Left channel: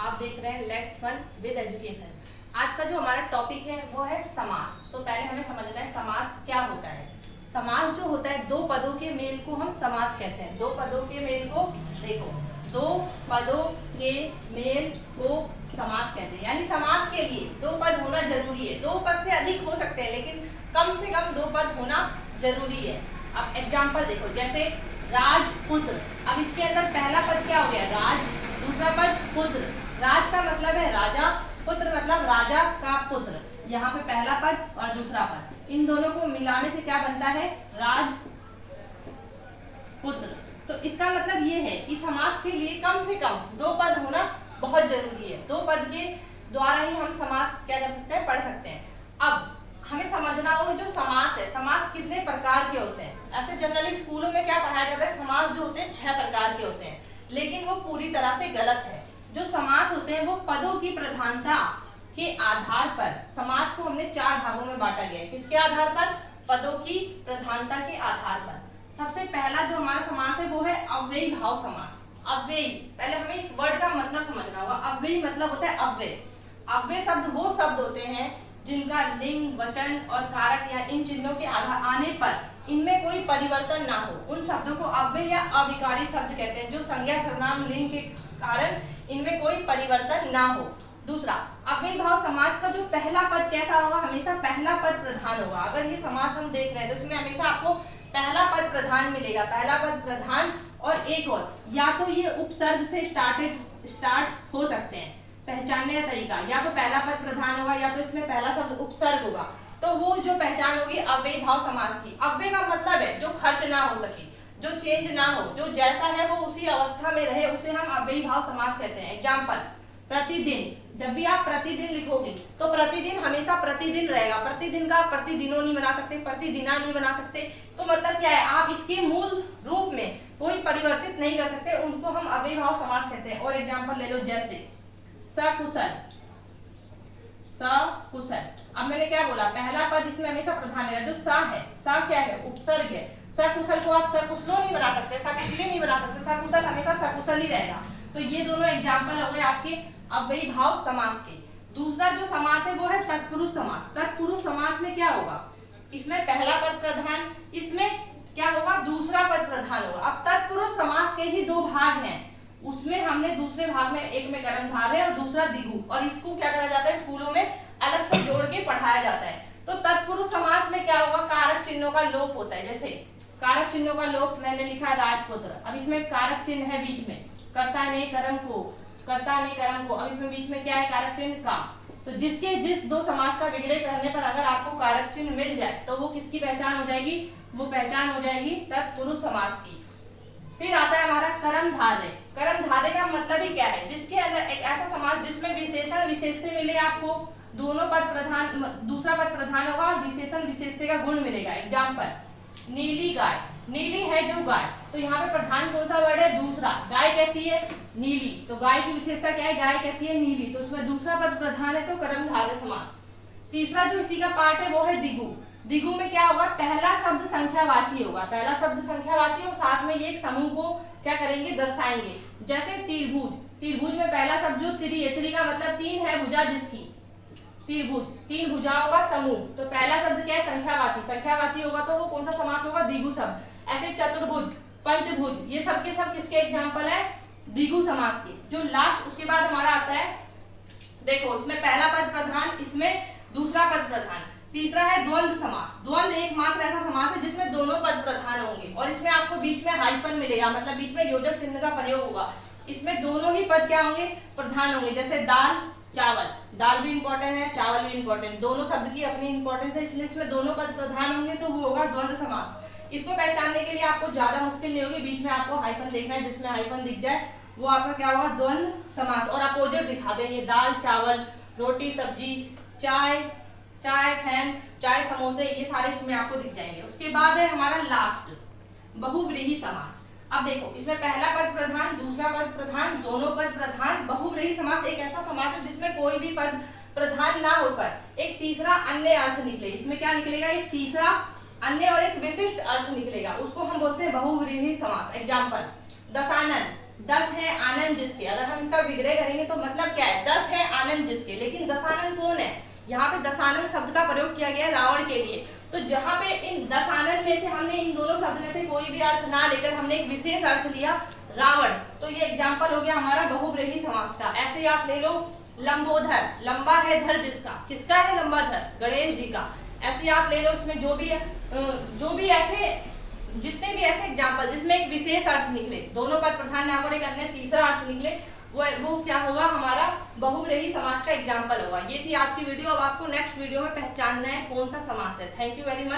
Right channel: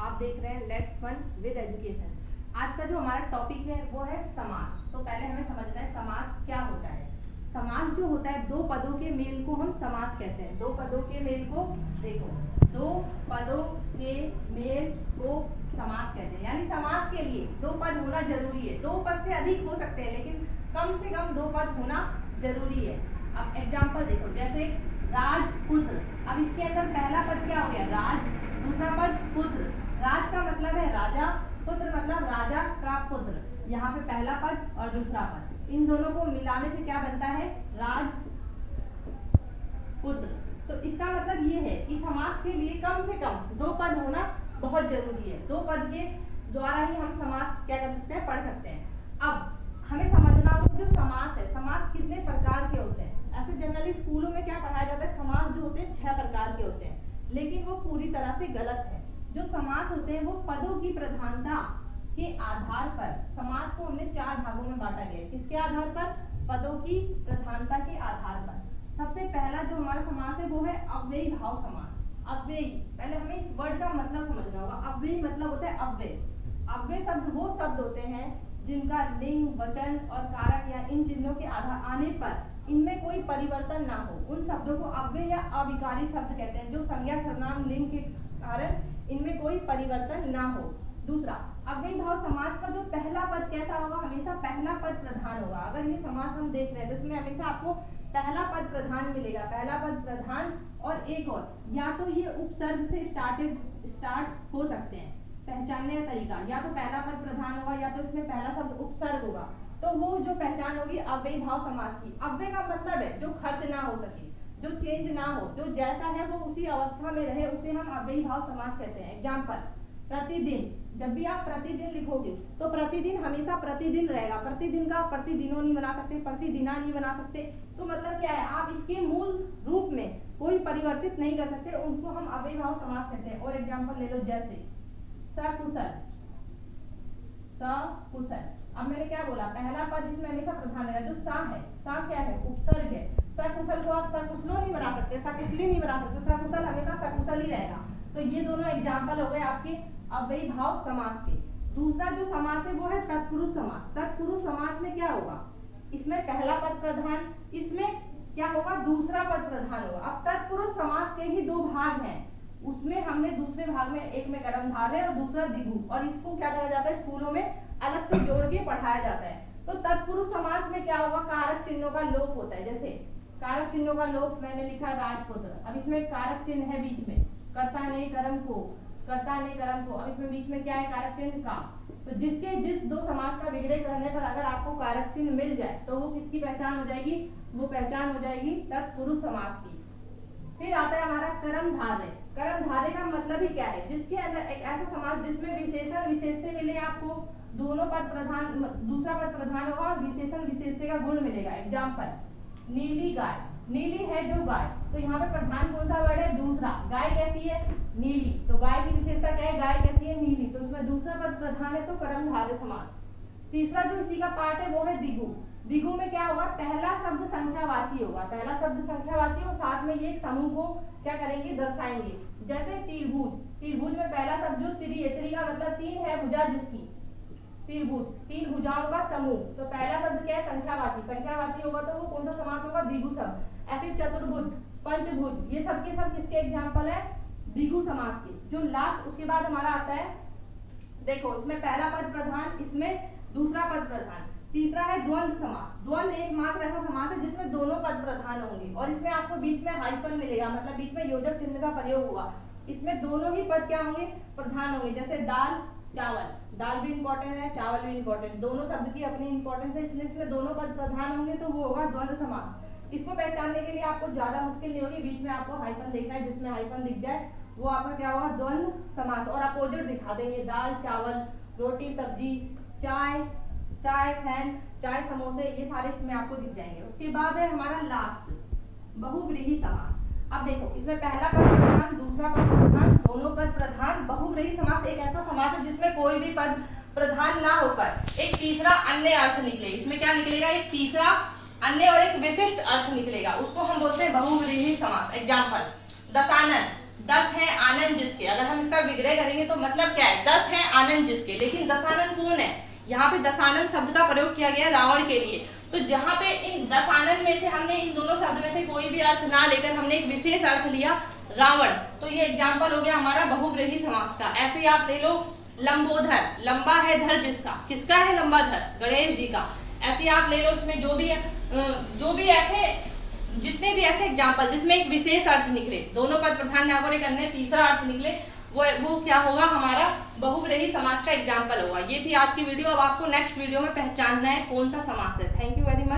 आप देख रहे हैं लेट्स फन विद एजुकेशन। आज का जो हमारा टॉपिक है वो है समास। तो पहले हमें समझना है समास क्या होता है। समास जो होता है दो पदों के मेल को हम समास कहते हैं। दो पदों के मेल को देखो, दो पदों के मेल को समास कहते हैं। यानी समास के लिए दो पद होना जरूरी है। दो पद से अधिक हो सकते हैं लेकिन कम से कम दो पद होना जरूरी है। अब एग्जाम्पल देखो, जैसे राजपुत्र। अब इसके अंदर पहला पद क्या हो गया? राज, दूसरा पद पुत्र। राज का मतलब है राजा, पुत्र मतलब राजा का पुत्र। यहाँ पे पहला पद और दूसरा पद, इन दोनों को मिलाने से क्या बनता है? राज पुत्र। तो इसका मतलब ये है कि समास के लिए कम से कम दो पद होना बहुत जरूरी है। दो पद के द्वारा ही हम समास क्या कर सकते हैं? पढ़ सकते हैं। अब हमें समझना होगा जो समास है, समास कितने प्रकार के होते हैं। ऐसे जनरली स्कूलों में क्या पढ़ाया जाता है? समास जो होते हैं 6 प्रकार के होते हैं, लेकिन वो पूरी तरह से गलत है। जो समास होते हैं वो पदों की प्रधानता के आधार पर, समास को हमने 4 भागों में बांटा गया है। किसके आधार पर? पदों की प्रधानता के आधार पर। सबसे पहला जो हमारा समास है वो है अव्ययी भाव समास। अव्ययी, पहले हमें इस वर्ड का मतलब समझना होगा। अव्ययी मतलब होता है अव्यय। अव्यय शब्द वो शब्द होते हैं जिनका लिंग, वचन और कारक या इन चिन्हों के आधार आने पर इनमें कोई परिवर्तन ना हो, उन शब्दों को अव्यय या अविकारी शब्द कहते हैं। जो संज्ञा, सर्वनाम, लिंग के कारण इनमें कोई परिवर्तन ना हो। दूसरा, अव्ययी भाव समास का जो पहला पद कैसा होगा? हमेशा पहला पद प्रधान होगा। अगर ये समास हम देख रहे हैं तो इसमें हमेशा आपको पहला पद प्रधान मिलेगा। पहला पद प्रधान और एक और, या तो ये उपसर्ग से स्टार्ट हो सकते हैं। पहचानने का तरीका, या तो पहला पद प्रधान होगा या तो इसमें पहला शब्द उपसर्ग होगा। तो वो जो पहचान होगी अव्ययी भाव समास की। अव्यय का मतलब है जो खर्च ना हो सके, जो चेंज ना हो, जो जैसा है वो उसी अवस्था में रहे, उसे हम अव्ययी भाव समास कहते हैं। एग्जाम्पल, प्रतिदिन। जब भी आप प्रतिदिन लिखोगे तो प्रतिदिन हमेशा प्रतिदिन रहेगा। प्रतिदिन का आप प्रतिदिनों नहीं बना सकते, प्रतिदिना नहीं बना सकते। तो मतलब क्या है? आप इसके मूल रूप में कोई परिवर्तित नहीं कर सकते, उनको हम अव्ययी भाव समास कहते हैं। और एग्जाम्पल ले लो, जैसे सकुशल। सकुशल, अब मैंने क्या बोला? पहला पद इसमें हमेशा प्रधान है। जो सा है, सा क्या है? उपसर्ग है। सकुशल को आप सकुशलो नहीं बना सकते, सकुशली नहीं बना सकते। सकुशल हमेशा सकुशल ही रहेगा। तो ये दोनों एग्जाम्पल हो गए आपके अव्ययी भाव समास के। दूसरा जो समास है वो है तत्पुरुष समास। तत्पुरुष समास में क्या होगा? इसमें पहला पद प्रधान, इसमें क्या होगा? दूसरा पद प्रधान होगा। अब तत्पुरुष समास के ही 2 भाग हैं। उसमें हमने दूसरे भाग में, एक में कर्मधारय और दूसरा द्विगु, और इसको क्या करा जाता है? स्कूलों में अलग से जोड़ के पढ़ाया जाता है। तो तत्पुरुष समास में क्या होगा? कारक चिन्हों का लोप होता है। जैसे कारक चिन्हों का लोप मैंने लिखा राजपुत्र। अब इसमें कारक चिन्ह है बीच में, कर्ता ने कर्म को, कर्ता ने कर्म को। अब इसमें बीच में क्या है? कारक चिन्ह का। तो जिस 2 समास का विग्रह करने पर अगर आपको कारक चिन्ह मिल जाए तो वो किसकी पहचान हो जाएगी? वो पहचान हो जाएगी तत्पुरुष समास की। फिर आता है हमारा कर्मधारय। कर्मधारय का मतलब ही क्या है? जिसके अंदर एक ऐसा समास जिसमें विशेषण विशेष से मिले आपको, दोनों पद प्रधान, दूसरा पद प्रधान होगा और विशेषण विशेष से का गुण मिलेगा। एग्जाम्पल, नीली गाय। नीली है जो गाय, तो यहाँ पे प्रधान कौन सा वर्ड है? दूसरा। गाय कैसी है? नीली। तो गाय की विशेषता क्या है? गाय कैसी है? नीली। तो उसमें दूसरा पद प्रधान है तो कर्मधारय समास। तीसरा जो इसी का पार्ट है वो है द्विगु। द्विगु में क्या होगा? पहला शब्द संख्यावाची होगा। पहला शब्द संख्यावाची और साथ में ये एक समूह को क्या करेंगे? दर्शाएंगे। जैसे त्रिभुज। त्रिभुज में पहला शब्द जो त्रि है, त्रि का मतलब 3 है, भुजा जिसकी। त्रिभुज, 3 भुजाओं का समूह। तो पहला शब्द क्या है? संख्यावाची। संख्यावाची होगा तो वो कौन सा समास होगा? द्विगु शब्द। ऐसे चतुर्भुज, पंचभुज, ये सब के सब किसके एग्जाम्पल है? द्विगु समास के। जो लास्ट उसके बाद हमारा आता है, देखो इसमें पहला पद प्रधान, इसमें दूसरा पद प्रधान। तीसरा है द्वंद्व समास। द्वंद्व एकमात्र ऐसा समास है जिसमें दोनों पद प्रधान होंगे और इसमें आपको बीच में हाइफन मिलेगा, मतलब बीच में योजक चिन्ह का प्रयोग होगा। इसमें दोनों ही पद क्या होंगे? प्रधान होंगे। जैसे दाल, चावल। दाल भी इंपॉर्टेंट है, चावल भी इंपॉर्टेंट, दोनों शब्द की अपनी इंपॉर्टेंस है, इसलिए इसमें दोनों पद प्रधान होंगे तो वो होगा द्वंद्व समास। इसको पहचानने के लिए आपको ज्यादा मुश्किल नहीं होगी, बीच में आपको हाइफन देखना है, जिसमें हाइफन दिख जाए वो आपका क्या होगा? द्वंद्व समास। और अपोजिट दिखा देंगे, दाल चावल, रोटी सब्जी, चाय, चाय फैन, चाय समोसे, ये सारे इसमें आपको दिख जाएंगे। उसके बाद है हमारा लास्ट बहुव्रीहि समास। अब देखो इसमें पहला पद प्रधान, दूसरा पद प्रधान, दोनों पद प्रधान। बहुव्रीहि समास एक ऐसा समास है जिसमें कोई भी पद प्रधान ना होकर एक तीसरा अन्य अर्थ निकले। इसमें क्या निकलेगा? एक तीसरा अन्य और एक विशिष्ट अर्थ निकलेगा, उसको हम बोलते हैं बहुव्रीहि समास। एग्जाम्पल, दशानन। 10 है आनंद जिसके, अगर हम इसका विग्रह करेंगे तो मतलब क्या है, 10 है आनंद जिसके, लेकिन दशानन कौन है, यहाँ पे दशानन शब्द का प्रयोग किया गया है रावण के लिए। तो जहाँ पे इन दशानन में से हमने इन दोनों शब्द में से कोई भी अर्थ ना लेकर हमने एक विशेष अर्थ लिया रावण, तो ये एग्जाम्पल हो गया हमारा बहुव्रीहि समास का। ऐसे ही आप ले लो लंबोदर, लंबा है धर जिसका, किसका है लंबा धर, गणेश जी का। ऐसे ही आप ले लो उसमें जो भी ऐसे जितने भी ऐसे एग्जाम्पल जिसमें एक विशेष अर्थ निकले, दोनों पद प्रधान यहाँ पर एक अन्य तीसरा अर्थ निकले, वो क्या होगा, हमारा बहुव्रीहि समास का एग्जाम्पल होगा। ये थी आज की वीडियो। अब आपको नेक्स्ट वीडियो में पहचानना है कौन सा समास है। Thank you very much.